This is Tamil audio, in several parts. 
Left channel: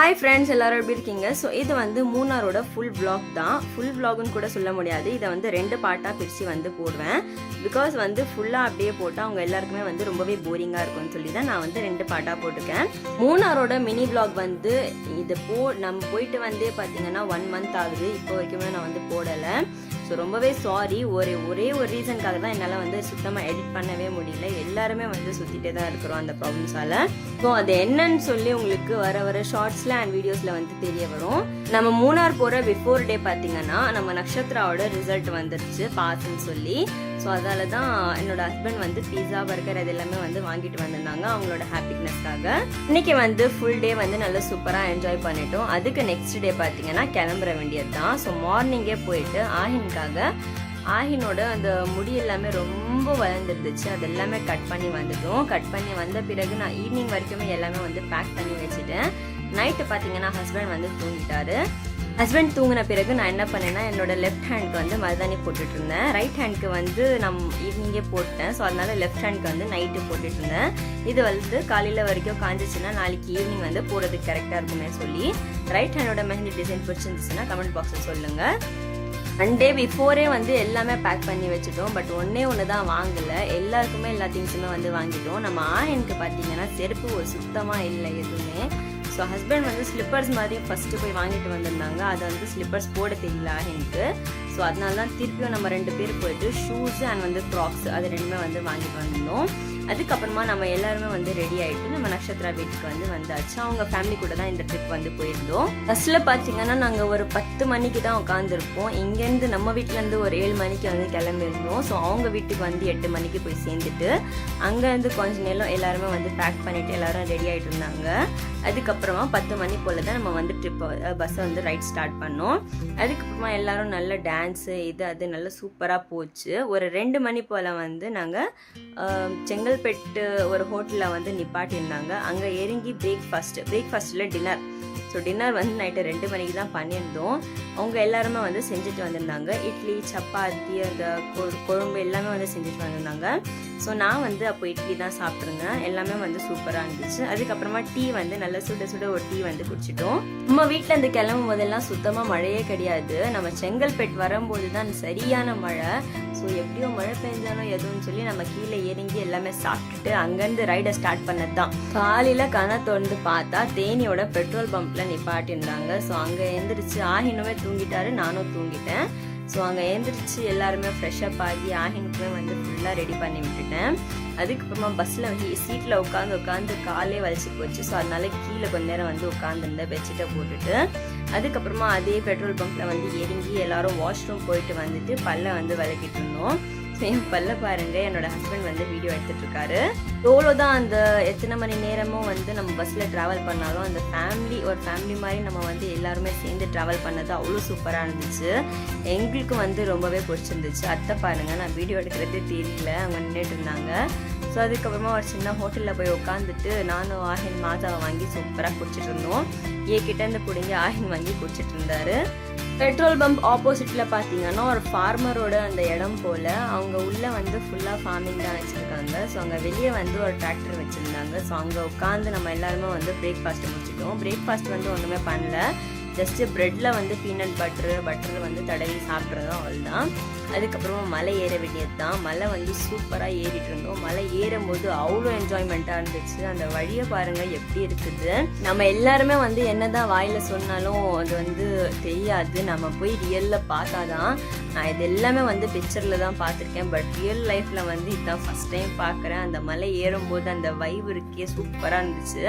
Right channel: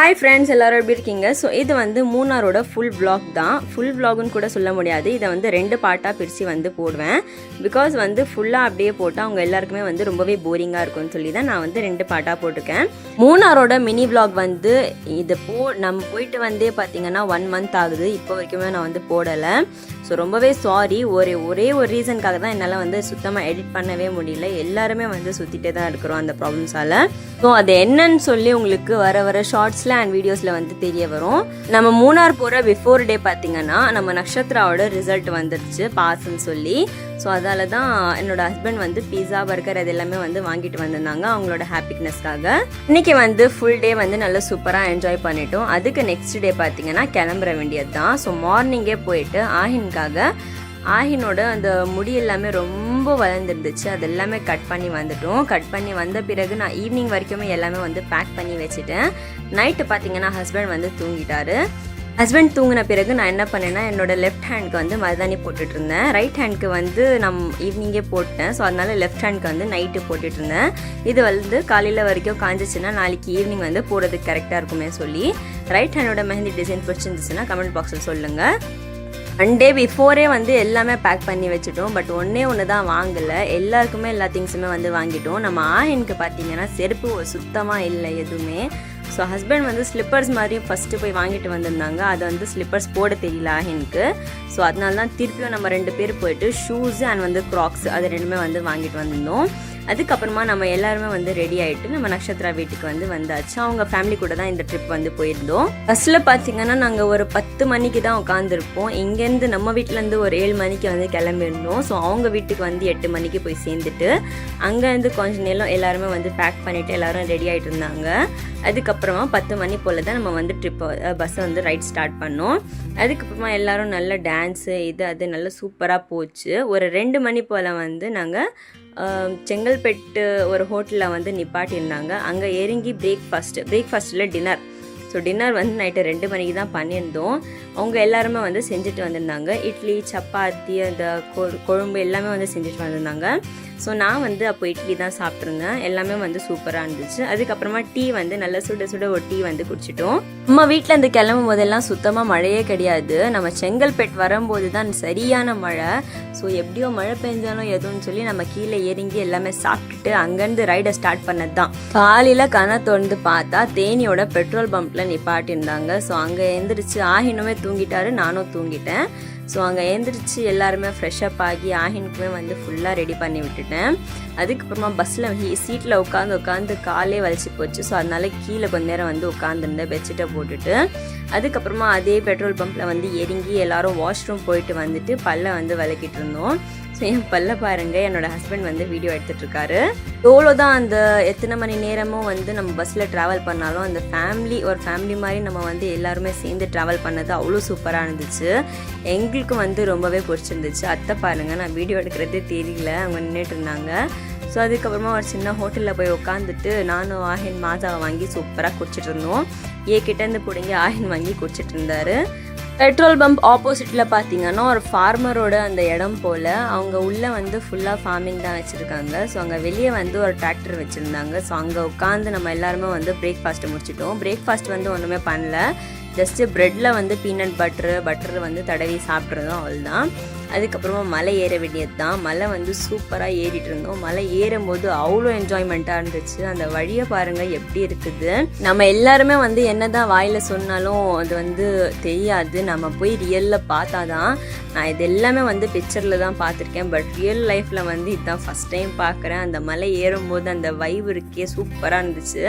ஹாய் ஃப்ரெண்ட்ஸ், எல்லோரும் எப்படி இருக்கீங்க? ஸோ இது வந்து மூணாரோட ஃபுல் vlog தான். ஃபுல் vlogன்னு கூட சொல்ல முடியாது. இதை வந்து 2 பார்ட்டாக பிரித்து வந்து போடுவேன். பிகாஸ் வந்து ஃபுல்லாக அப்படியே போட்டால் அவங்க எல்லாருக்குமே வந்து ரொம்பவே போரிங்காக இருக்கும்னு சொல்லி தான் நான் வந்து 2 பார்ட்டாக போட்டிருக்கேன். மூணாரோட மினி vlog வந்து இது நம்ம போயிட்டு வந்தே பார்த்தீங்கன்னா 1 month ஆகுது. இப்போ வரைக்குமே நான் வந்து போடலை. ஸோ ரொம்பவே சாரி. ஒரே ஒரு ரீசனுக்காக தான் என்னால் வந்து சுத்தமாக எடிட் பண்ணவே முடியல. எல்லாருமே வந்து சுற்றிட்டே தான் இருக்கிறோம் அந்த ப்ராப்ளம்ஸால். ஸோ அது என்னன்னு சொல்லி உங்களுக்கு வர ஷார்ட்ஸில் அண்ட் வீடியோஸில் வந்து தெரிய வரும். நம்ம மூணார் போகிற பிஃபோர் டே பார்த்தீங்கன்னா நம்ம நக்ஷத்ராவோட ரிசல்ட் வந்துருச்சு பாஸ்ன்னு சொல்லி. ஸோ அதால தான் என்னோட ஹஸ்பண்ட் வந்து பீஸா பர்கர் அது எல்லாமே வந்து வாங்கிட்டு வந்திருந்தாங்க அவங்களோட ஹாப்பினஸ்க்காக. இன்னைக்கு வந்து ஃபுல் டே வந்து நல்லா சூப்பராக என்ஜாய் பண்ணிட்டோம். அதுக்கு நெக்ஸ்ட் டே பார்த்தீங்கன்னா கிளம்புற வேண்டியது தான். ஸோ மார்னிங்கே போயிட்டு ஆஹினோட அந்த முடி எல்லாமே ரொம்ப வளர்ந்துருந்துச்சு. அது எல்லாமே கட் பண்ணி வந்துட்டோம். கட் பண்ணி வந்த பிறகு நான் ஈவினிங் வரைக்குமே எல்லாமே வந்து பேக் பண்ணி வச்சுட்டேன். நைட்டு பார்த்தீங்கன்னா ஹஸ்பண்ட் வந்து தூங்கிட்டாரு. ஹஸ்பண்ட் தூங்கின பிறகு நான் என்ன பண்ணேன்னா என்னோட லெஃப்ட் ஹேண்ட்க்கு வந்து மருதாணி போட்டுட்டு இருந்தேன். ரைட் ஹேண்ட்க்கு வந்து ஈவினிங்கே போட்டேன். ஸோ அதனால லெஃப்ட் ஹேண்ட்க்கு வந்து நைட்டு போட்டுட்டு இருந்தேன். இது வந்து காலையில் வரைக்கும் காஞ்சிச்சுன்னா நாளைக்கு ஈவினிங் வந்து போடுறதுக்கு கரெக்டாக இருக்குமே சொல்லி. ரைட் ஹேண்டோட மெஹந்தி டிசைன் பிடிச்சிருந்துச்சுன்னா கமெண்ட் பாக்ஸில் சொல்லுங்கள். 1 day பிஃபோரே வந்து எல்லாமே பேக் பண்ணி வச்சுட்டோம். பட் ஒன்று தான் வாங்கலை. எல்லாருக்குமே எல்லா திங்ஸுமே வந்து வாங்கிட்டோம். நம்ம ஆஹினுக்கு பார்த்தீங்கன்னா செருப்பு சுத்தமாக இல்லை எதுவுமே. ஸோ ஹஸ்பண்ட் வந்து ஸ்லிப்பர்ஸ் மாதிரி ஃபஸ்ட்டு போய் வாங்கிட்டு வந்திருந்தாங்க. அதை வந்து ஸ்லிப்பர்ஸ் போட தெரியல ஆஹினுக்கு. ஸோ அதனால தான் திருப்பியும் நம்ம 2 பேர் போயிட்டு ஷூஸ் அண்ட் வந்து க்ராக்ஸ் அது 2மே வந்து வாங்கிட்டு வந்திருந்தோம். அதுக்கப்புறமா நம்ம எல்லாருமே வந்து ரெடி ஆகிட்டு நம்ம நக்ஷத்ரா வீட்டுக்கு வந்து வந்தாச்சு. அவங்க ஃபேமிலி கூட தான் இந்த ட்ரிப் வந்து போயிருந்தோம். பஸ்ஸில் பார்த்தீங்கன்னா நாங்கள் ஒரு 10 மணிக்கு தான் உட்காந்துருப்போம். இங்கேருந்து நம்ம வீட்டிலேருந்து ஒரு 7 மணிக்கு வந்து கிளம்பிருந்தோம். ஸோ அவங்க வீட்டுக்கு வந்து 8 மணிக்கு போய் சேர்ந்துட்டு அங்கேருந்து கொஞ்சம் நேரம் எல்லாருமே வந்து பேக் பண்ணிவிட்டு எல்லோரும் ரெடி ஆகிட்டு இருந்தாங்க. அதுக்கப்புறமா 10 மணி போல் தான் நம்ம வந்து பஸ்ஸை வந்து ரைட் ஸ்டார்ட் பண்ணோம். அதுக்கப்புறமா எல்லோரும் நல்ல டான்ஸு அது நல்லா சூப்பராக போச்சு. ஒரு 2 மணி போல் வந்து நாங்கள் செங்கல்பட்டு ஒரு ஹோட்டலில் வந்து நிப்பாட்டியிருந்தாங்க. அங்கே இறங்கி பிரேக்ஃபாஸ்ட்டில் டின்னர். ஸோ டின்னர் வந்து நைட்டு 2 மணிக்கு தான் பண்ணியிருந்தோம். அவங்க எல்லாருமே வந்து செஞ்சுட்டு வந்திருந்தாங்க. இட்லி, சப்பாத்தி, அந்த குழம்பு எல்லாமே வந்து செஞ்சுட்டு வந்திருந்தாங்க. ஸோ நான் வந்து அப்போ இட்லி தான் சாப்பிட்ருந்தேன். எல்லாமே வந்து சூப்பராக இருந்துச்சு. அதுக்கப்புறமா டீ வந்து நல்லா சுட ஒரு டீ வந்து குடிச்சிட்டோம். நம்ம வீட்டில் இந்த கிளம்பும் போதெல்லாம் சுத்தமாக மழையே கிடையாது. நம்ம செங்கல்பேட் வரும்போது தான் சரியான மழை. ஸோ எப்படியோ மழை பெஞ்சாலும் எதுவும் சொல்லி நம்ம கீழே இறங்கி எல்லாமே சாப்பிட்டுட்டு அங்கேருந்து ரைடை ஸ்டார்ட் பண்ணது தான். காலையில் கண்ணை திறந்து பார்த்தா தேனியோட பெட்ரோல் பம்பில் நிப்பாட்டியிருந்தாங்க. ஸோ அங்கே எழுந்திரிச்சு ஆஹினுமே தூங்கிட்டாரு, நானும் தூங்கிட்டேன். ஸோ அங்கே எழுந்திரிச்சு எல்லாருமே ஃப்ரெஷ்அப் ஆகி ஆஹினுக்குமே வந்து ஃபுல்லாக ரெடி பண்ணி விட்டுட்டேன். அதுக்கப்புறமா பஸ்ஸில் சீட்டில் உட்காந்து காலே வலிச்சு போச்சு. ஸோ அதனால கீழே கொஞ்ச நேரம் வந்து உட்காந்துருந்தேன் பெட்ஷீட்டை போட்டுட்டு. அதுக்கப்புறமா அதே பெட்ரோல் பம்பில் வந்து இறங்கி எல்லாரும் வாஷ்ரூம் போயிட்டு வந்துட்டு பல்லை வந்து விளக்கிட்டு இருந்தோம். ஸோ என் பல்ல பாருங்கள், என்னோடய ஹஸ்பண்ட் வந்து வீடியோ எடுத்துகிட்ருக்காரு. எவ்வளோ தான் அந்த எத்தனை மணி நேரமும் வந்து நம்ம பஸ்ஸில் ட்ராவல் பண்ணாலும் அந்த ஒரு ஃபேமிலி மாதிரி நம்ம வந்து எல்லாருமே சேர்ந்து ட்ராவல் பண்ணது அவ்வளோ சூப்பராக இருந்துச்சு. எங்களுக்கு வந்து ரொம்பவே பிடிச்சிருந்துச்சு. அத்தை பாருங்கள், நான் வீடியோ எடுக்கிறது தெரியல, அவங்க நின்றுட்டு இருந்தாங்க. ஸோ அதுக்கப்புறமா ஒரு சின்ன ஹோட்டலில் போய் உட்காந்துட்டு நானும் ஆஹின் மாசாவை வாங்கி சூப்பராக குடிச்சிட்டு இருந்தோம். கிட்டேருந்து பிடிங்கி ஆஹின் வாங்கி குடிச்சிட்டு இருந்தாரு. பெட்ரோல் பம்ப் ஆப்போசிட்டில் பார்த்தீங்கன்னா ஒரு ஃபார்மரோட அந்த இடம் போல். அவங்க உள்ளே வந்து ஃபுல்லாக ஃபார்மிங் தான் வச்சுருக்காங்க. ஸோ அங்கே வெளியே வந்து ஒரு டிராக்டர் வச்சுருந்தாங்க. ஸோ அங்கே உட்காந்து நம்ம எல்லாருமே வந்து பிரேக்ஃபாஸ்ட்டை முடிச்சிட்டோம். பிரேக்ஃபாஸ்ட் வந்து ஒன்றுமே பண்ணல, ஜஸ்ட்டு ப்ரெட்டில் வந்து பீனட் பட்டர் வந்து தடவி சாப்பிட்றதும் அவ்வளோதான். அதுக்கப்புறமா மலை ஏற வேண்டியது தான். மலை வந்து சூப்பராக ஏறிட்டு இருந்தோம். மலை ஏறும்போது அவ்வளோ என்ஜாய்மெண்ட்டாக இருந்துச்சு. அந்த வழியை பாருங்கள் எப்படி இருக்குது. நம்ம எல்லாருமே வந்து என்ன தான் வாயில் சொன்னாலும் அது வந்து தெரியாது. நம்ம போய் ரியலில் பார்த்தா தான். நான் இது எல்லாமே வந்து பிக்சரில் தான் பார்த்துருக்கேன். பட் ரியல் லைஃப்பில் வந்து இதுதான் ஃபஸ்ட் டைம் பார்க்குறேன். அந்த மலை ஏறும்போது அந்த வைப் இருக்கே சூப்பராக இருந்துச்சு.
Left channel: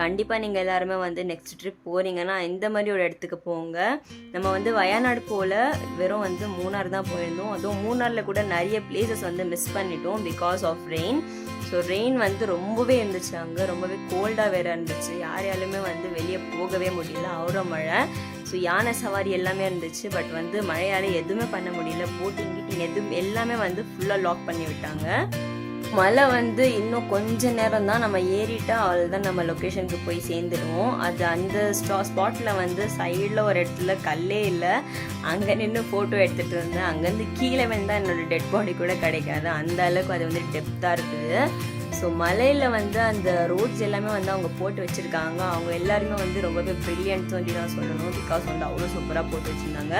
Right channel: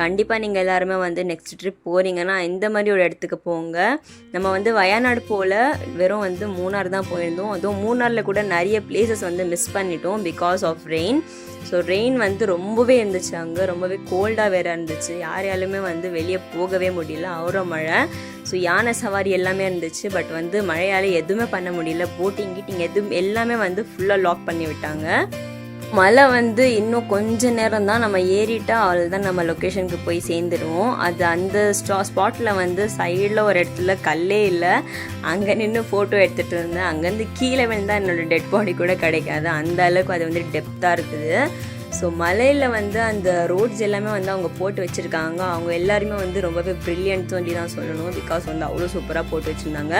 கண்டிப்பாக நீங்கள் எல்லாருமே வந்து நெக்ஸ்ட் ட்ரிப் போகிறீங்கன்னா இந்த மாதிரி ஒரு இடத்துக்கு போங்க. நம்ம வந்து வயநாடு போல் வெறும் வந்து மூணார் தான் போயிருந்தோம். அதுவும் மூணாரில் கூட நிறைய பிளேசஸ் வந்து மிஸ் பண்ணிட்டோம் because of rain. So rain வந்து ரொம்பவே இருந்துச்சு. அங்கே ரொம்பவே கோல்டாக வேறு இருந்துச்சு. யாராலுமே வந்து வெளியே போகவே முடியல, அவ்வளோ மழை. ஸோ யானை சவாரி எல்லாமே இருந்துச்சு. பட் வந்து மழையால் எதுவுமே பண்ண முடியல. போட்டிங் எல்லாமே வந்து ஃபுல்லாக லாக் பண்ணி விட்டாங்க. மழை வந்து இன்னும் கொஞ்ச நேரம் தான் நம்ம ஏறிட்டா அவ்வளோதான், நம்ம லொக்கேஷனுக்கு போய் சேர்ந்துடுவோம். அது அந்த ஸ்பாட்டில் வந்து சைடில் ஒரு இடத்துல கல்லே இல்லை. அங்கே நின்று ஃபோட்டோ எடுத்துகிட்டு இருந்தேன். அங்கேருந்து கீழே விழுந்தால் என்னோடய டெட் பாடி கூட கிடைக்காது, அந்த அளவுக்கு அது வந்து டெப்த்தாக இருக்குது. ஸோ மலையில் வந்து அந்த ரோட்ஸ் எல்லாமே வந்து அவங்க போட்டு வச்சுருக்காங்க. அவங்க எல்லாருமே வந்து ரொம்பவே ப்ரில்லியன்ட் சொல்லி தான் சொல்லணும். பிகாஸ் வந்து அவ்வளோ சூப்பராக போட்டு வச்சுருந்தாங்க.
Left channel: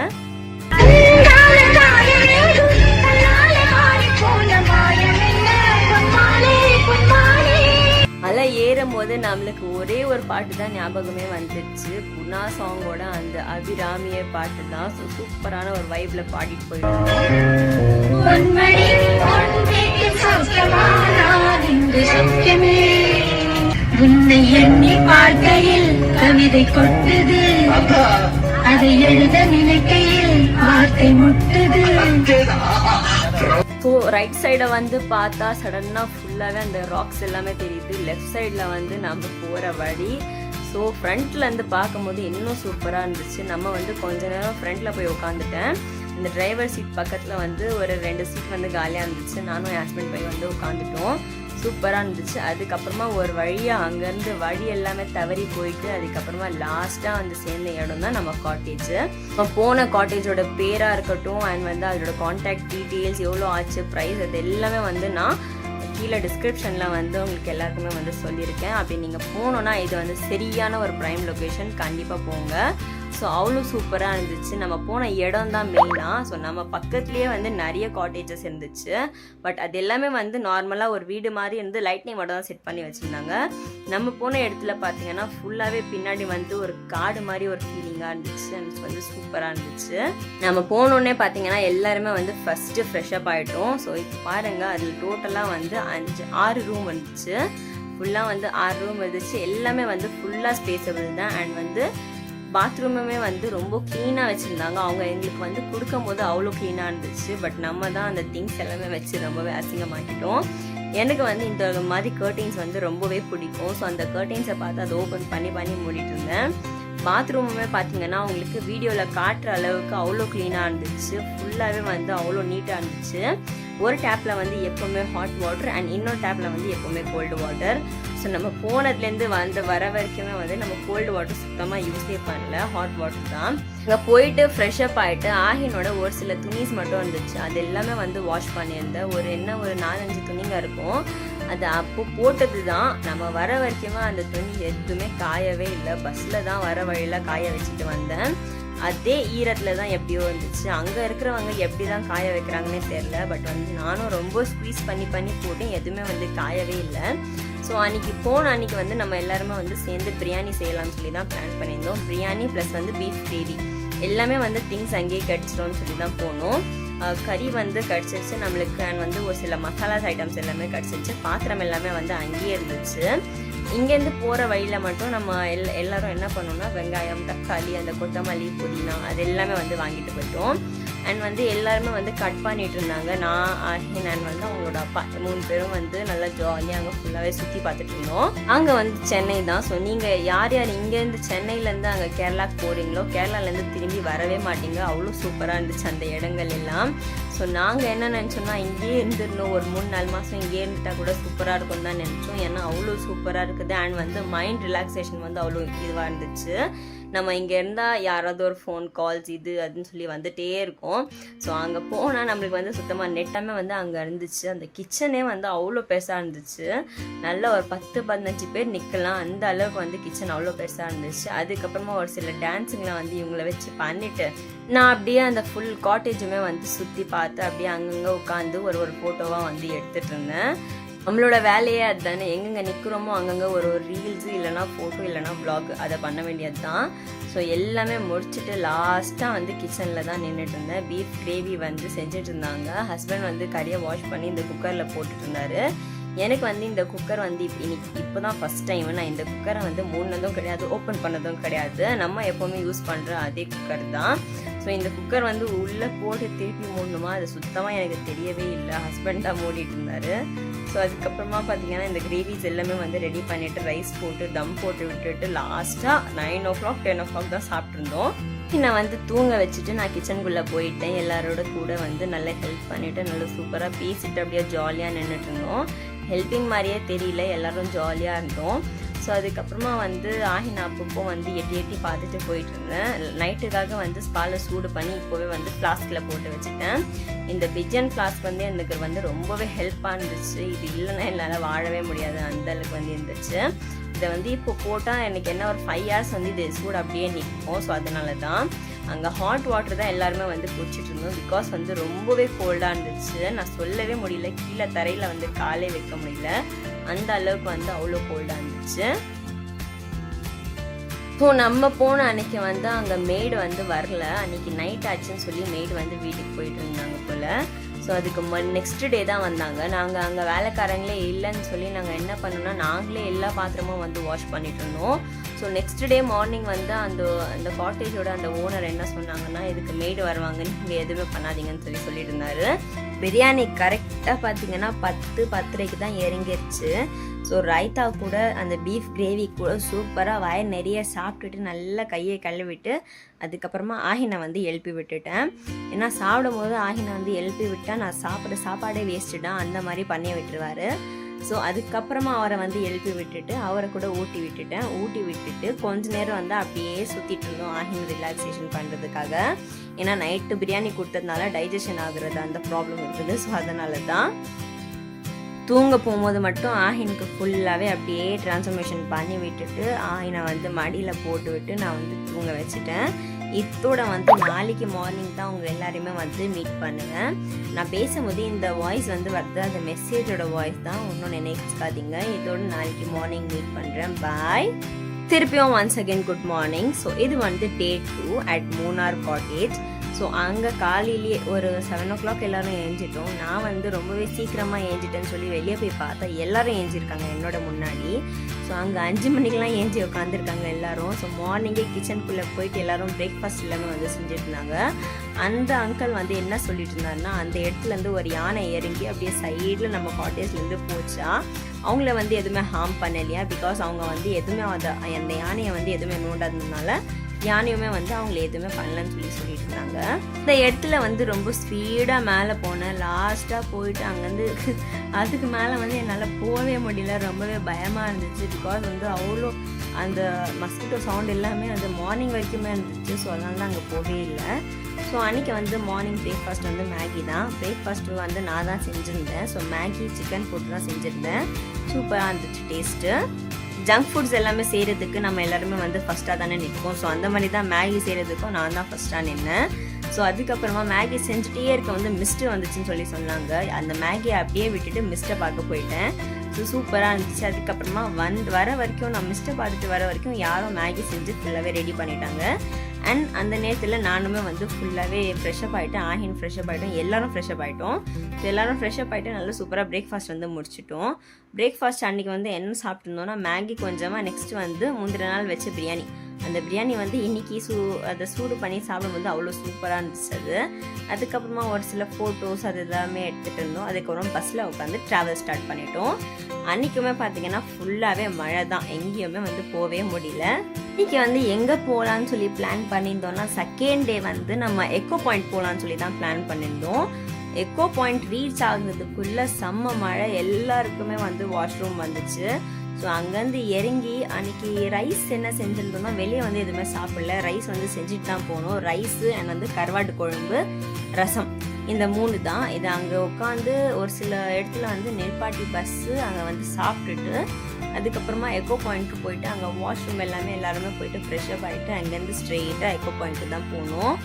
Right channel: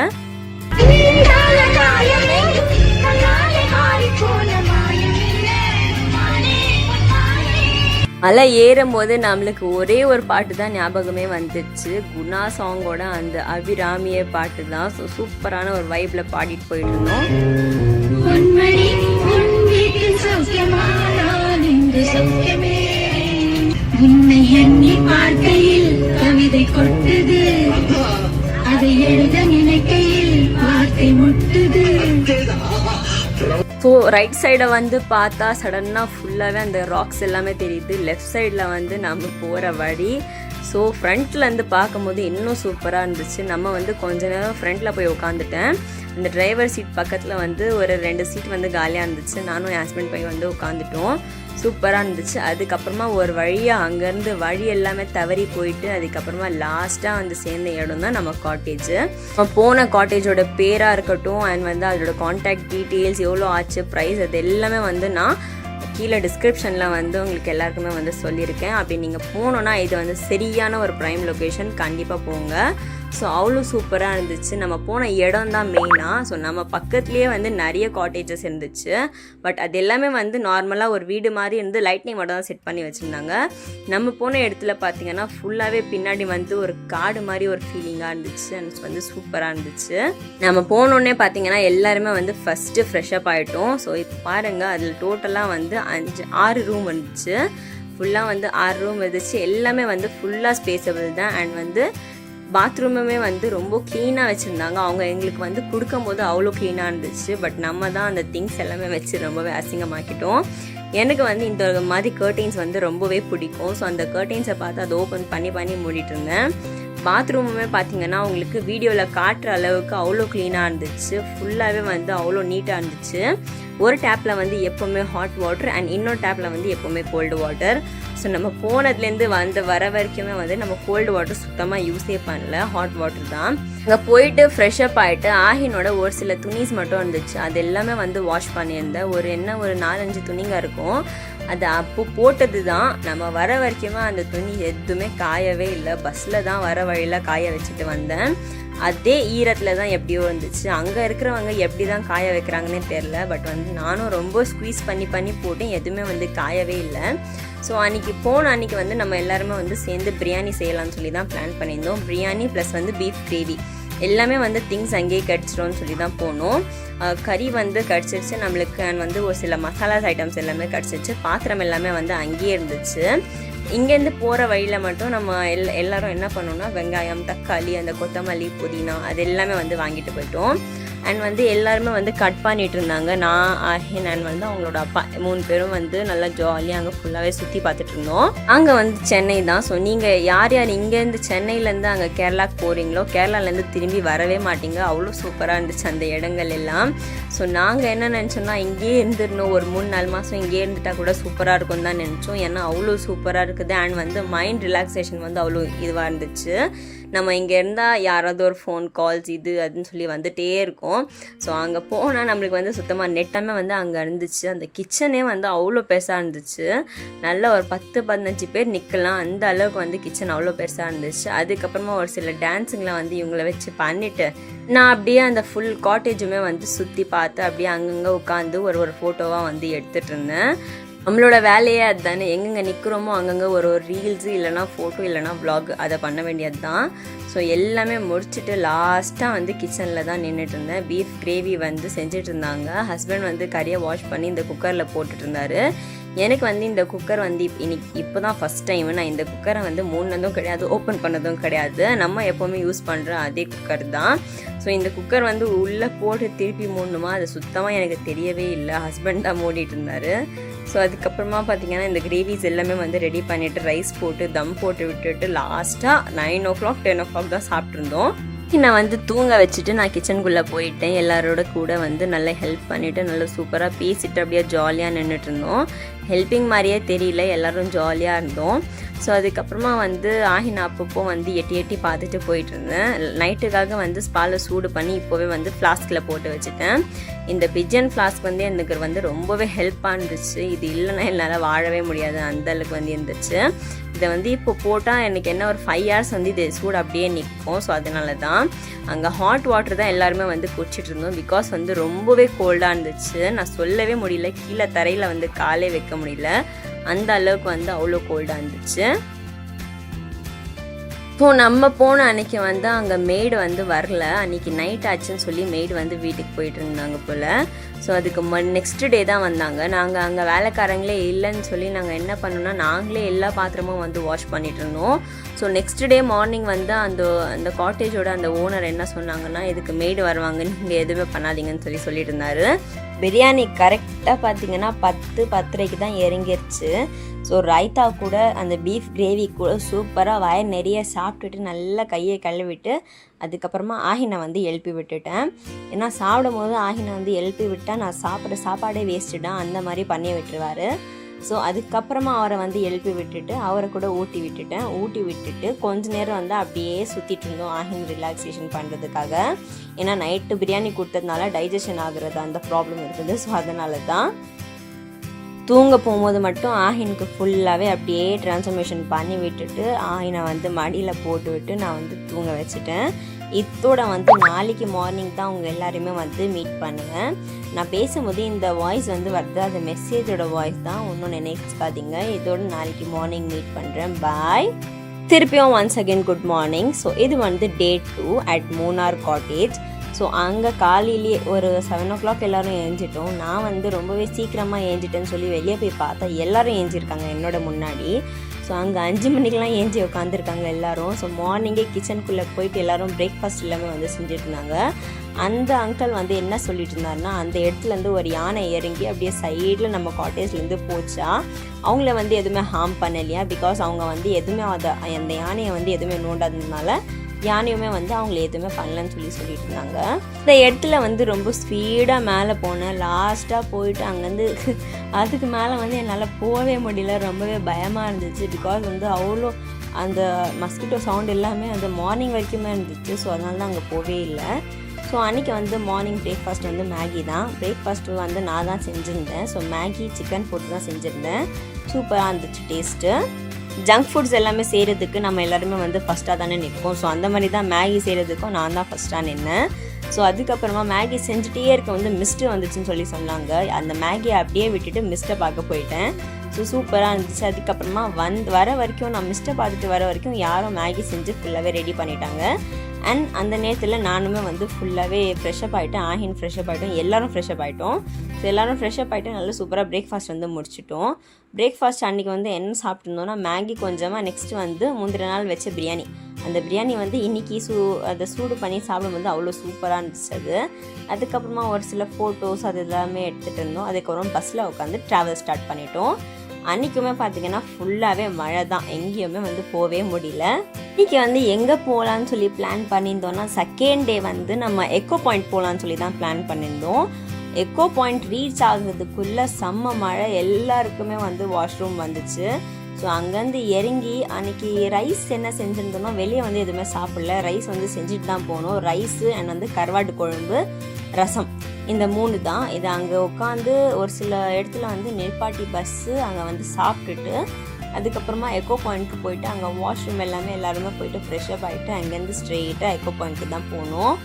மலை ஏறும்போது நம்மளுக்கு ஒரே ஒரு பாட்டு தான் ஞாபகமே வந்துச்சு. குணா சாங்கோட அந்த அபிராமிய பாட்டு தான். ஸோ சூப்பரான ஒரு வைப்ல பாடிட்டு போயிட்டு இருந்தோம். உன்னை எண்ணி பார்க்கையில் கவிதை கொட்டுது, அதை எழுத நினைக்கையில் வார்த்தை முட்டுது. ஸோ ரைட் சைடை வந்து பார்த்தா சடனாக ஃபுல்லாகவே அந்த ராக்ஸ் எல்லாமே தெரியுது. லெஃப்ட் சைடில் வந்து நம்ம போகிற வழி. ஸோ ஃப்ரண்ட்லேருந்து பார்க்கும்போது இன்னும் சூப்பராக இருந்துச்சு. நம்ம வந்து கொஞ்ச நேரம் ஃப்ரண்ட்டில் போய் உட்காந்துட்டேன். இந்த டிரைவர் சீட் பக்கத்தில் வந்து ஒரு 2 சீட் வந்து காலியாக இருந்துச்சு. நானும் என் ஹஸ்பண்ட் போய் வந்து உட்காந்துட்டோம். சூப்பராக இருந்துச்சு. அதுக்கப்புறமா ஒரு வழியாக அங்கேருந்து வழி எல்லாமே தவறி போயிட்டு அதுக்கப்புறமா லாஸ்ட்டாக வந்து சேர்ந்த இடம் தான் நம்ம காட்டேஜ். நம்ம போன காட்டேஜோட பேராக இருக்கட்டும் அண்ட் வந்து அதோட கான்டாக்ட் டீட்டெயில்ஸ், எவ்வளோ ஆச்சு, ப்ரைஸ், அது எல்லாமே வந்து நான் கீழே டிஸ்கிரிப்ஷனில் வந்து உங்களுக்கு எல்லாருக்குமே வந்து சொல்லியிருக்கேன். அப்படி நீங்கள் போனோன்னா இது வந்து சரியான ஒரு ப்ரைம் லொக்கேஷன், கண்டிப்பாக போங்க. ஸோ அவ்வளோ சூப்பராக இருந்துச்சு. நம்ம போன இடம் தான் மெயினாக. ஸோ நம்ம பக்கத்துலேயே வந்து நிறைய காட்டேஜஸ் இருந்துச்சு. பட் அது எல்லாமே வந்து நார்மலாக ஒரு வீடு மாதிரி இருந்து லைட்னிங் மட்டும் தான் செட் பண்ணி வச்சுருந்தாங்க. நம்ம போன இடத்துல பார்த்தீங்கன்னா ஃபுல்லாகவே பின்னாடி வந்து ஒரு காடு மாதிரி ஒரு ஃபீலிங்காக இருந்துச்சு. அண்ட் வந்து சூப்பராக இருந்துச்சு. நம்ம போனோடனே பார்த்தீங்கன்னா எல்லாருமே வந்து ஃபஸ்ட்டு ஃப்ரெஷ்அப் ஆகிட்டோம். ஸோ இப்போ பாருங்கள், அதில் டோட்டலாக வந்து 6 ரூம் இருந்துச்சு. ஃபுல்லாக வந்து 6 ரூம் இருந்துச்சு. எல்லாமே வந்து ஃபுல்லாக ஸ்பேஸபிள் தான். அண்ட் வந்து பாத்ரூமுமே வந்து ரொம்ப க்ளீனாக வச்சுருந்தாங்க. அவங்க எங்களுக்கு வந்து கொடுக்கும்போது அவ்வளோ க்ளீனாக இருந்துச்சு. பட் நம்ம தான் அந்த திங்ஸ் எல்லாமே வச்சு ரொம்பவே அசிங்கமாக்கிட்டோம். எனக்கு வந்து இந்த மாதிரி கர்டைன்ஸ் வந்து ரொம்பவே பிடிக்கும். ஸோ அந்த கர்டைன்ஸை பார்த்து அதை ஓப்பன் பண்ணி மூடிட்டு இருந்தேன். பாத்ரூமுமே பார்த்தீங்கன்னா உங்களுக்கு வீடியோவில் காட்டுற அளவுக்கு அவ்வளோ க்ளீனாக இருந்துச்சு. ஃபுல்லாகவே வந்து அவ்வளோ நீட்டாக இருந்துச்சு. ஒரு டேப்பில் வந்து எப்போவுமே ஹாட் வாட்டர் அண்ட் இன்னொரு டேப்பில் வந்து எப்போவுமே கோல்டு வாட்டர். ஸோ நம்ம போனதுலேருந்து வர வரைக்குமே வந்து நம்ம கோல்டு வாட்டர் சுத்தமாக யூஸே பண்ணல, ஹாட் வாட்டர் தான். அங்கே போயிட்டு ஃப்ரெஷ்அப் ஆகிட்டு ஆஹினோட ஒரு சில துணிஸ் மட்டும் இருந்துச்சு. அது எல்லாமே வந்து வாஷ் பண்ணியிருந்தேன். ஒரு 4-5 துணிங்க இருக்கும். அது அப்போ போட்டது தான். நம்ம வர வரைக்குமே அந்த துணி எதுவுமே காயவே இல்லை. பஸ்ஸில் தான் வர வழியில் காய வச்சுட்டு வந்தேன். அதே ஈரத்தில் தான் எப்படியோ இருந்துச்சு. அங்கே இருக்கிறவங்க எப்படி தான் காய வைக்கிறாங்கன்னே தெரில. பட் வந்து நானும் ரொம்ப ஸ்குவீஸ் பண்ணி போட்டேன், எதுவுமே வந்து காயவே இல்லை. ஸோ அன்றைக்கி வந்து நம்ம எல்லாருமே வந்து சேர்ந்து பிரியாணி செய்யலாம்னு சொல்லி தான் பிளான் பண்ணியிருந்தோம். பிரியாணி ப்ளஸ் வந்து பீஃப் கிரேவி எல்லாமே வந்து திங்ஸ் அங்கேயே கிடச்சிட்டோன்னு சொல்லி தான் போனோம். கறி வந்து கிடச்சிருச்சு நம்மளுக்கு. அண்ட் வந்து ஒரு சில மசாலாஸ் ஐட்டம்ஸ் எல்லாமே கிடச்சிருச்சு. பாத்திரம் எல்லாமே வந்து அங்கேயே இருந்துச்சு. இங்கேருந்து போகிற வழியில் மட்டும் நம்ம எல்லாரும் என்ன பண்ணோம்னா வெங்காயம், தக்காளி, அந்த கொத்தமல்லி, புதினா அது எல்லாமே வந்து வாங்கிட்டு போயிட்டோம். அண்ட் வந்து எல்லாருமே வந்து கட் பண்ணிட்டு இருந்தாங்க. நான், ஆஹின் அண்ட் வந்து அவங்களோட அப்பா 3 பேரும் வந்து நல்லா ஜாலியாக அங்கே ஃபுல்லாகவே சுற்றி பார்த்துட்டு இருந்தோம். அங்கே வந்து சென்னை தான். ஸோ நீங்கள் யார் இங்கேருந்து சென்னையிலேருந்து அங்கே கேரளாவுக்கு போகிறீங்களோ கேரளாலேருந்து திரும்பி வரவே மாட்டீங்க. அவ்வளோ சூப்பராக இருந்துச்சு அந்த இடங்கள் எல்லாம். ஸோ நாங்கள் என்ன நினச்சோன்னா இங்கேயே இருந்துடணும், ஒரு 3-4 மாதம் இங்கேயே இருந்துட்டால் கூட சூப்பராக இருக்கும்னு தான் நினச்சோம். ஏன்னா அவ்வளோ சூப்பராக இருக்குது. அண்ட் வந்து மைண்ட் ரிலாக்ஸேஷன் வந்து அவ்வளோ இதுவாக இருந்துச்சு. நம்ம இங்கே இருந்தால் யாராவது ஒரு ஃபோன் கால்ஸ் இது அதுன்னு சொல்லி வந்துகிட்டே இருக்கும். ஸோ அங்கே போனால் நம்மளுக்கு வந்து சுத்தமாக நெட்டாமே வந்து அங்கே இருந்துச்சு. அந்த கிச்சனே வந்து அவ்வளோ பெருசாக இருந்துச்சு. நல்லா ஒரு 10-15 பேர் நிற்கலாம், அந்த அளவுக்கு வந்து கிச்சன் அவ்வளோ பெருசாக இருந்துச்சு. அதுக்கப்புறமா ஒரு சில டான்ஸுங்களாம் வந்து இவங்களை வச்சு பண்ணிவிட்டு நான் அப்படியே அந்த ஃபுல் காட்டேஜுமே வந்து சுற்றி பார்த்து அப்படியே அங்கங்கே உட்காந்து ஒரு ஃபோட்டோவாக வந்து எடுத்துகிட்டு இருந்தேன். நம்மளோட வேலையே அதுதானே, எங்கெங்கே நிற்கிறோமோ அங்கங்கே ஒரு ரீல்ஸு இல்லைனா ஃபோட்டோ இல்லைனா vlog அதை பண்ண வேண்டியது தான். ஸோ எல்லாமே முடிச்சுட்டு லாஸ்ட்டாக வந்து கிச்சனில் தான் நின்றுட்டு இருந்தேன். பீஃப் கிரேவி வந்து செஞ்சுட்டு இருந்தாங்க. ஹஸ்பண்ட் வந்து கறியை வாஷ் பண்ணி இந்த குக்கரில் போட்டுட்டு இருந்தாரு. எனக்கு வந்து இந்த குக்கர் வந்து இப்போ தான் ஃபஸ்ட் டைம் நான் இந்த குக்கரை வந்து மூடினதும் கிடையாது, ஓப்பன் பண்ணதும் கிடையாது. நம்ம எப்போவுமே யூஸ் பண்ணுற அதே குக்கர் தான். ஸோ இந்த குக்கர் வந்து உள்ளே போட்டு திருப்பி மூடணுமா அது சுத்தமாக எனக்கு தெரியவே இல்லை. ஹஸ்பண்ட் தான் மூடிட்டு இருந்தார். ஸோ அதுக்கப்புறமா பார்த்தீங்கன்னா இந்த கிரேவிஸ் எல்லாமே வந்து ரெடி பண்ணிவிட்டு ரைஸ் போட்டு தம் போட்டு விட்டுட்டு லாஸ்ட்டாக 9 o'clock 10 o'clock தான் சாப்பிட்ருந்தோம். நான் வந்து தூங்க வச்சுட்டு நான் கிச்சனுக்குள்ளே போயிட்டேன். எல்லாரோட கூட வந்து நல்லா ஹெல்ப் பண்ணிவிட்டு நல்லா சூப்பராக பேசிட்டு அப்படியே ஜாலியாக நின்றுட்டு இருந்தோம். ஹெல்ப்பிங் மாதிரியே தெரியல, எல்லோரும் ஜாலியாக இருந்தோம். ஸோ அதுக்கப்புறமா வந்து ஆஹின் அப்பப்போ வந்து எட்டி எட்டி பார்த்துட்டு போயிட்டு இருந்தேன். நைட்டுக்காக வந்து ஸ்பாலை சூடு பண்ணி இப்போவே வந்து ஃப்ளாஸ்கில் போட்டு வச்சுட்டேன். இந்த பிஜன் ஃப்ளாஸ்க் வந்து எனக்கு வந்து ரொம்பவே ஹெல்ப்பாக இருந்துச்சு. இது இல்லைன்னா என்னால் வாழவே முடியாது, அந்தளவுக்கு வந்து இருந்துச்சு. இதை வந்து இப்போ போட்டால் எனக்கு என்ன ஒரு 5 hours வந்து இது சூடு அப்படியே நிற்கும். ஸோ அதனால தான் அங்கே ஹாட் வாட்டர் தான் எல்லாருமே வந்து குடிச்சிட்டு இருந்தோம். பிகாஸ் வந்து ரொம்பவே கோல்டாக இருந்துச்சு. நான் சொல்லவே முடியல, கீழே தரையில் வந்து காலே வைக்க முடியல, அந்த அளவுக்கு வந்து அவ்வளோ கோல்டாக இருந்துச்சு. ஸோ நம்ம போன அன்றைக்கி வந்து அங்கே மெய்டு வந்து வரல. அன்றைக்கி நைட் ஆச்சுன்னு சொல்லி மெய்டு வந்து வீட்டுக்கு போயிட்டு இருந்தாங்க போல். ஸோ அதுக்கு நெக்ஸ்ட் டே தான் வந்தாங்க. நாங்கள் அங்கே வேலைக்காரங்களே இல்லைன்னு சொல்லி நாங்கள் என்ன பண்ணோம்னா நாங்களே எல்லா பாத்திரமும் வந்து வாஷ் பண்ணிட்டு இருந்தோம். ஸோ நெக்ஸ்ட் டே மார்னிங் வந்து அந்த காட்டேஜோட அந்த ஓனர் என்ன சொன்னாங்கன்னா, இதுக்கு மெய்டு வருவாங்க, நீங்கள் எதுவுமே பண்ணாதீங்கன்னு சொல்லிட்டு இருந்தார். பிரியாணி கரெக்டாக பார்த்தீங்கன்னா 10-10:30 தான் இறங்கிருச்சு. ஸோ ரைத்தா கூட அந்த பீஃப் கிரேவி கூட சூப்பராக வய நிறைய சாப்பிட்டுட்டு நல்லா கையை கழுவிட்டு அதுக்கப்புறமா ஆஹினை வந்து எழுப்பி விட்டுட்டேன். ஏன்னா சாப்பிடும் போது ஆஹினை வந்து எழுப்பி விட்டால் நான் சாப்பிட்ற சாப்பாடே வேஸ்ட்டுடான் அந்த மாதிரி பண்ணி விட்டுருவார். ஸோ அதுக்கப்புறமா அவரை வந்து எழுப்பி விட்டுட்டு அவரை கூட ஊட்டி விட்டுட்டு கொஞ்ச நேரம் வந்து அப்படியே சுற்றிட்டு இருந்தோம் ஆஹின் ரிலாக்ஸேஷன் பண்ணுறதுக்காக. ஏன்னா நைட்டு பிரியாணி கொடுத்ததுனால டைஜஷன் ஆகுறது அந்த ப்ராப்ளம் இருக்குது. ஸோ அதனால தான் தூங்க போகும்போது மட்டும் ஆஹினுக்கு ஃபுல்லாகவே அப்படியே ட்ரான்ஸ்ஃபர்மேஷன் பண்ணி விட்டுட்டு ஆஹினை வந்து மடியில் போட்டு விட்டு நான் வந்து தூங்க வச்சுட்டேன். இதோட வந்து நாளைக்கு மார்னிங் தான் அவங்க எல்லாருமே வந்து மீட் பண்ணுவேன். நான் பேசும்போது இந்த வாய்ஸ் வந்து வருது, அந்த மெசேஜோட வாய்ஸ் தான், ஒன்றும் நினைச்சுக்காதீங்க. இதோட நாளைக்கு மார்னிங் மீட் பண்ணுறேன். பாய். திருப்பியும் once again good morning. So இது வந்து Day 2 at Munnar cottage. So அங்கே காலையிலேயே ஒரு 7 o'clock எல்லோரும் ஏஞ்சிட்டோம். நான் வந்து ரொம்பவே சீக்கிரமாக ஏஞ்சிட்டேன்னு சொல்லி வெளியே போய் பார்த்தா எல்லோரும் ஏஞ்சிருக்காங்க என்னோட முன்னாடி. ஸோ அங்கே 5 மணிக்கெலாம் ஏஞ்சி உட்காந்துருக்காங்க எல்லோரும். ஸோ மார்னிங்கே கிச்சனுக்குள்ளே போயிட்டு எல்லோரும் பிரேக்ஃபாஸ்ட் எல்லாமே வந்து செஞ்சுட்டு இருந்தாங்க. அந்த அங்கிள் வந்து என்ன சொல்லிட்டு இருந்தாருன்னா, அந்த இடத்துலேருந்து ஒரு யானை இறங்கி அப்படியே சைடில் நம்ம காட்டேஜ்லேருந்து போச்சா, அவங்கள வந்து எதுவுமே ஹார்ம் பண்ணலையா. பிகாஸ் அவங்க வந்து எதுவுமே அந்த யானையை வந்து எதுவுமே நோண்டாததுனால யானையுமே வந்து அவங்கள எதுவுமே பண்ணலன்னு சொல்லிட்டு இருந்தாங்க. இந்த இடத்துல வந்து ரொம்ப ஸ்பீடாக மேலே போனேன். லாஸ்ட்டாக போயிட்டு அங்கேருந்து அதுக்கு மேலே வந்து என்னால் போகவே முடியல, ரொம்பவே பயமாக இருந்துச்சு. பிகாஸ் வந்து அவ்வளோ அந்த மஸ்கிட்டோ சவுண்ட் எல்லாமே அந்த மார்னிங் வரைக்குமே இருந்துச்சு. ஸோ அதனால தான் அங்கே போகவே இல்லை. ஸோ அன்றைக்கி வந்து மார்னிங் பிரேக்ஃபாஸ்ட் வந்து மேகி தான். பிரேக்ஃபாஸ்ட்டு வந்து நான் தான் செஞ்சுருந்தேன். ஸோ மேகி சிக்கன் போட்டு தான் செஞ்சுருந்தேன். சூப்பராக இருந்துச்சு டேஸ்ட்டு. ஜங்க் ஃபுட்ஸ் எல்லாமே செய்கிறதுக்கு நம்ம எல்லாருமே வந்து ஃபஸ்ட்டாக தானே நிற்போம். ஸோ அந்த மாதிரி தான் மேகி செய்கிறதுக்கும் நான் தான் ஃபஸ்ட்டாக நின்னேன். ஸோ அதுக்கப்புறமா மேகி செஞ்சுட்டே இருக்க வந்து மிஸ்ட்டு வந்துச்சுன்னு சொன்னாங்க. அந்த மேகியை அப்படியே விட்டுட்டு மிஸ்ட்டை பார்க்க போயிட்டேன். ஸோ சூப்பராக இருந்துச்சு. அதுக்கப்புறமா வர வரைக்கும் நான் மிஸ்ட்டை பார்த்துட்டு வர வரைக்கும் யாரும் மேகி செஞ்சு ஃபுல்லாகவே ரெடி பண்ணிட்டாங்க. அண்ட் அந்த நேரத்தில் நானுமே வந்து ஃபுல்லாகவே ஃப்ரெஷ்அப் ஆகிட்டேன். ஆஹின் ஃப்ரெஷ்அப் ஆகிட்டோம், எல்லோரும் ஃப்ரெஷ்அப் ஆகிட்டோம். ஸோ எல்லோரும் ஃப்ரெஷ்அப் ஆகிட்டு நல்லா சூப்பராக பிரேக்ஃபாஸ்ட் வந்து முடிச்சிட்டோம். பிரேக்ஃபாஸ்ட் அன்றைக்கி வந்து என்ன சாப்பிட்ருந்தோன்னா மேகி கொஞ்சமாக, நெக்ஸ்ட்டு வந்து முந்தின நாள் வச்ச பிரியாணி. அந்த பிரியாணி வந்து இன்றைக்கி அதை சூடு பண்ணி சாப்பிடும்போது அவ்வளோ சூப்பராக இருந்துச்சு அது. அதுக்கப்புறமா ஒரு சில ஃபோட்டோஸ் அது எல்லாமே எடுத்துகிட்டு இருந்தோம். அதுக்கப்புறம் பஸ்ஸில் உட்காந்து ட்ராவல் ஸ்டார்ட் பண்ணிட்டோம். அன்றைக்குமே பார்த்திங்கன்னா ஃபுல்லாகவே மழை தான், எங்கேயுமே வந்து போகவே முடியல. இன்றைக்கி வந்து எங்கே போகலான்னு சொல்லி பிளான் பண்ணியிருந்தோன்னா, செகண்ட் டே வந்து நம்ம எக்கோ பாயிண்ட் போகலான்னு சொல்லி தான் பிளான் பண்ணியிருந்தோம். எக்கோ பாயிண்ட் ரீச் ஆகுறதுக்குள்ளே செம்ம மழை, எல்லாருக்குமே வந்து வாஷ்ரூம் வந்துச்சு. ஸோ அங்கேருந்து இறங்கி அன்றைக்கி ரைஸ் என்ன செஞ்சுருந்தோன்னா, வெளியே வந்து எதுவுமே சாப்பிடல, ரைஸ் வந்து செஞ்சுட்டு தான் போனோம். ரைஸு அண்ட் வந்து கருவாட்டு குழம்பு, ரசம், இந்த 3 தான். இது அங்கே உட்காந்து ஒரு சில இடத்துல வந்து நெல்பாட்டி பஸ்ஸு அங்கே வந்து சாப்பிட்டுட்டு அதுக்கப்புறமா எக்கோ பாயிண்ட்டுக்கு போயிட்டு அங்கே வாஷ்ரூம் எல்லாருமே போயிட்டு ஃப்ரெஷ்அப் ஆகிட்டு அங்கேருந்து ஸ்ட்ரெயிட்டாக எக்கோ பாயிண்ட்டுக்கு தான் போனோம்.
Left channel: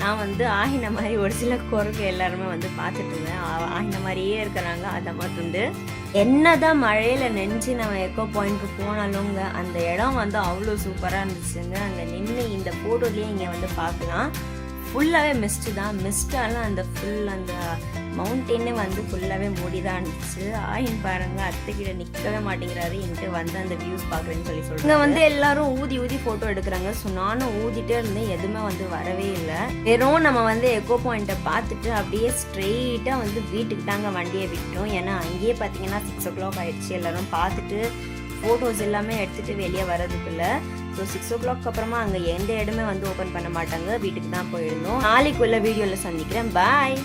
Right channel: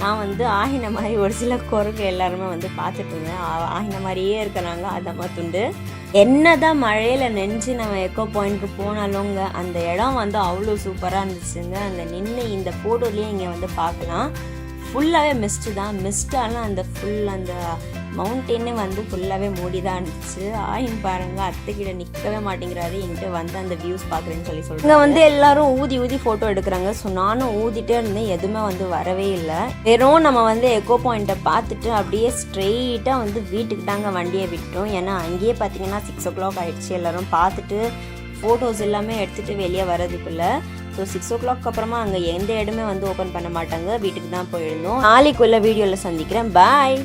நான் வந்து ஆஹின மாதிரி ஒரு சில குரங்கு எல்லாருமே வந்து பார்த்துட்டு இருந்தேன். ஆஹின மாதிரியே இருக்கிறாங்க. அதை மட்டுண்டு என்ன தான் மழையில் நெஞ்சு நம்ம எக்கோ பாயிண்ட்டுக்கு போனாலுங்க அந்த இடம் வந்து அவ்வளோ சூப்பராக இருந்துச்சுங்க. அங்கே நின்று இந்த ஃபோட்டோலேயே இங்கே வந்து பார்க்கலாம். ஃபுல்லாகவே மிஸ்ட்டு தான். மிஸ்டாலும் அந்த அந்த மவுண்டெயினே வந்து ஃபுல்லாகவே மூடி தான் இருந்துச்சு. ஆயின் பாருங்க, அத்தைக்கிட்ட நிற்கவே மாட்டேங்கிறாரு, என்கிட்ட வந்து அந்த வியூஸ் பார்க்குறேன்னு சொல்கிறாங்க. இங்கே வந்து எல்லாரும் ஊதி ஃபோட்டோ எடுக்கிறாங்க. ஸோ நானும் ஊதிட்டே இருந்தேன், எதுவுமே வந்து வரவே இல்லை. வெறும் நம்ம வந்து எக்கோ பாயிண்ட்டை பார்த்துட்டு அப்படியே ஸ்ட்ரெயிட்டாக வந்து வீட்டுக்கு தாங்க வண்டியை விட்டோம். ஏன்னா அங்கேயே பார்த்தீங்கன்னா 6 o'clock ஆகிடுச்சு. எல்லோரும் பார்த்துட்டு ஃபோட்டோஸ் எல்லாமே எடுத்துகிட்டு வெளியே வரதுக்குள்ளே. ஸோ 6 o'clock அப்புறமா அங்கே எந்த இடமே வந்து ஓப்பன் பண்ண மாட்டாங்க, வீட்டுக்கு தான் போயிருந்தோம். நாளைக்குள்ள வீடியோவில் சந்திக்கிறேன். பாய்.